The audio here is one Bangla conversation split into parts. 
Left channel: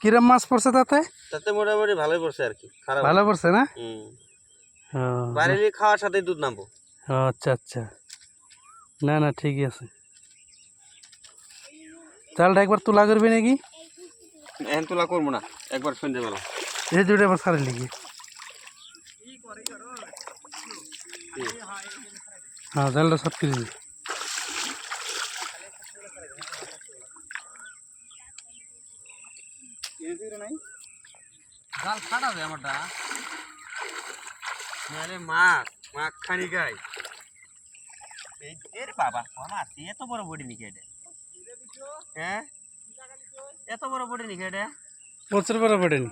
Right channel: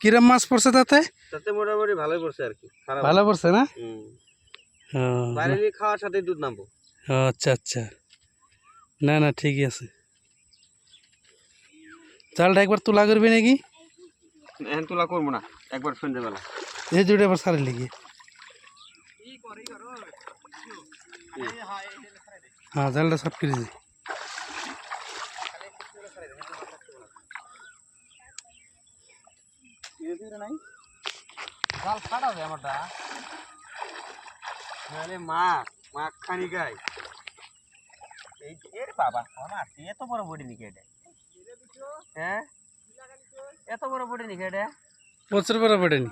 কিরম মাছ পড়ছে তাতে? তাতে মোটামুটি ভালোই পড়ছে আর কি, খারাপ ভালো পড়ছে না? ও, বাড়ির খাওয়ার সাথে দুধ নামবো। ও আচ্ছা আচ্ছা, না না ঠিকই আছে। জালটা একবার তোলা করবি নাকি? এখন তোলা করবো না, একবার সন্ধ্যেবেলা। এই দুটো আবার সারে লিখি। হ্যাঁ, জালটা সাফ করে দিই। জাল ফাটাবে আমারটা, নাহলে মাছ মাছ খানি গাই। এই এর বাবা আমার এত বড় বডি নিকে এটা, হ্যাঁ এত বড় বডি নিকে এটা, প্রচুর বড় পড়েনি।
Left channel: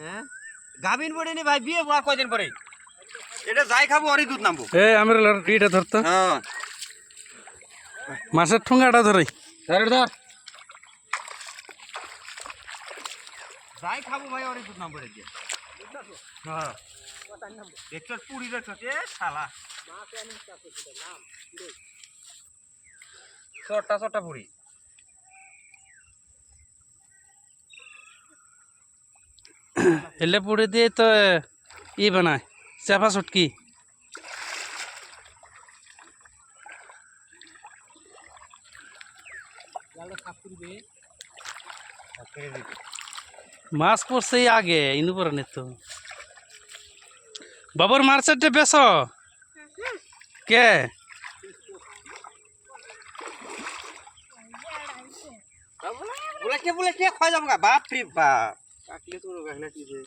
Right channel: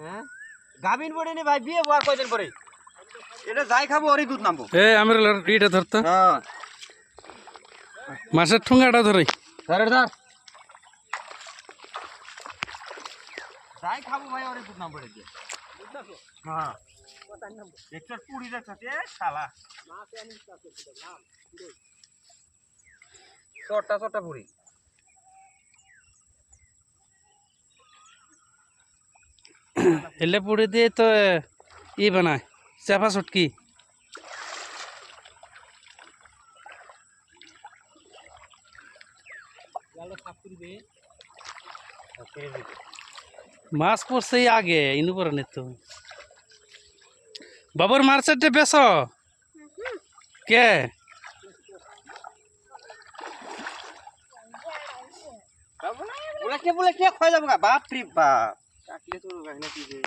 হ্যাঁ গাভিন বডি নি ভাই, বিয়ে হওয়া কয়দিন পরে এটা যাই খাবো ওরই দুধ নামবো। এ আমার ইটা ধরতো, হ্যাঁ মাছের ঠুঙ্গাটা ধরে ধর ধর, যাই খাবো ভাই ওরই দুধ নামবো রে দিয়ে। হ্যাঁ দেখছ পুরি দেখছ এ শালা, ছোট্টা ছোট্টা পুরি। এলে পুড়ে দিয়ে তো ই বানায় চাপা চটকি। মাছ পড়ছে আগে ইনু পরে নে তো। বাবুর মার্কেটে বেশ কে বলে কে খাই যাবো গা, বাপ রে বাপ কাকলে তো কাকলে কি যে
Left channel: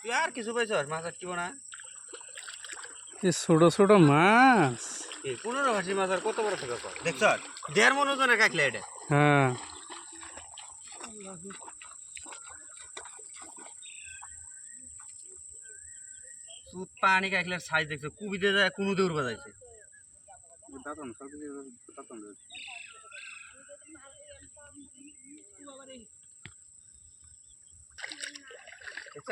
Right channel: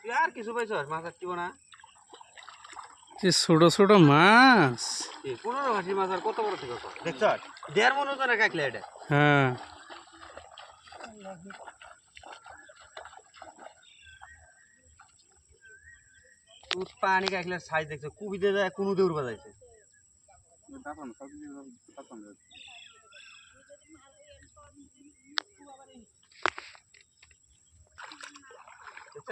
তুই আর কিছু পাইছ মাছ আর কিব না? ছোট ছোট মাছ, 15 ভাসি মাছ আর কত বড় থেকে দেখছ, 1.5 মন ওজনের কাকলে এটা। হ্যাঁ তুই পানি কাকলের সাইজ দেখছ, কুবি দিয়ে যায় কোনো দৌড় বাজাইছে। দেখছ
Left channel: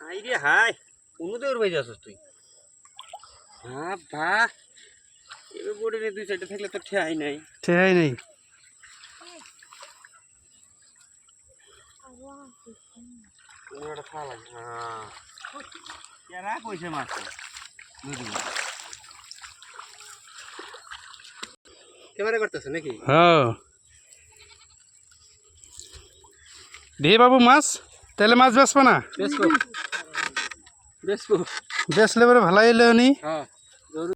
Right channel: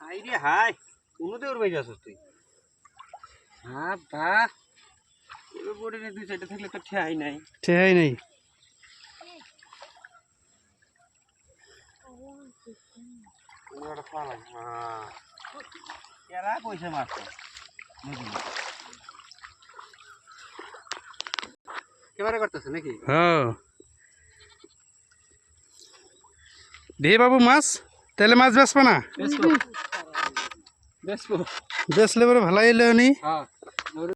হাই রে হাই, কোনো দৌড় বাজে আসছ তুই। হ্যাঁ বা এবার বোর্ডে দুই সাইডে থাকলে তো ঠেয়াই নাই। ঠেহাই নেই। কেরা কইছে মাছ কেবারে করতেছে নাকি? হ্যাঁ দে বাবু মাছ, তাহলে মাছ বেচবো না? বেসবো বেসবো, বেচলে পরে ভালো এলে উনি। হ্যাঁ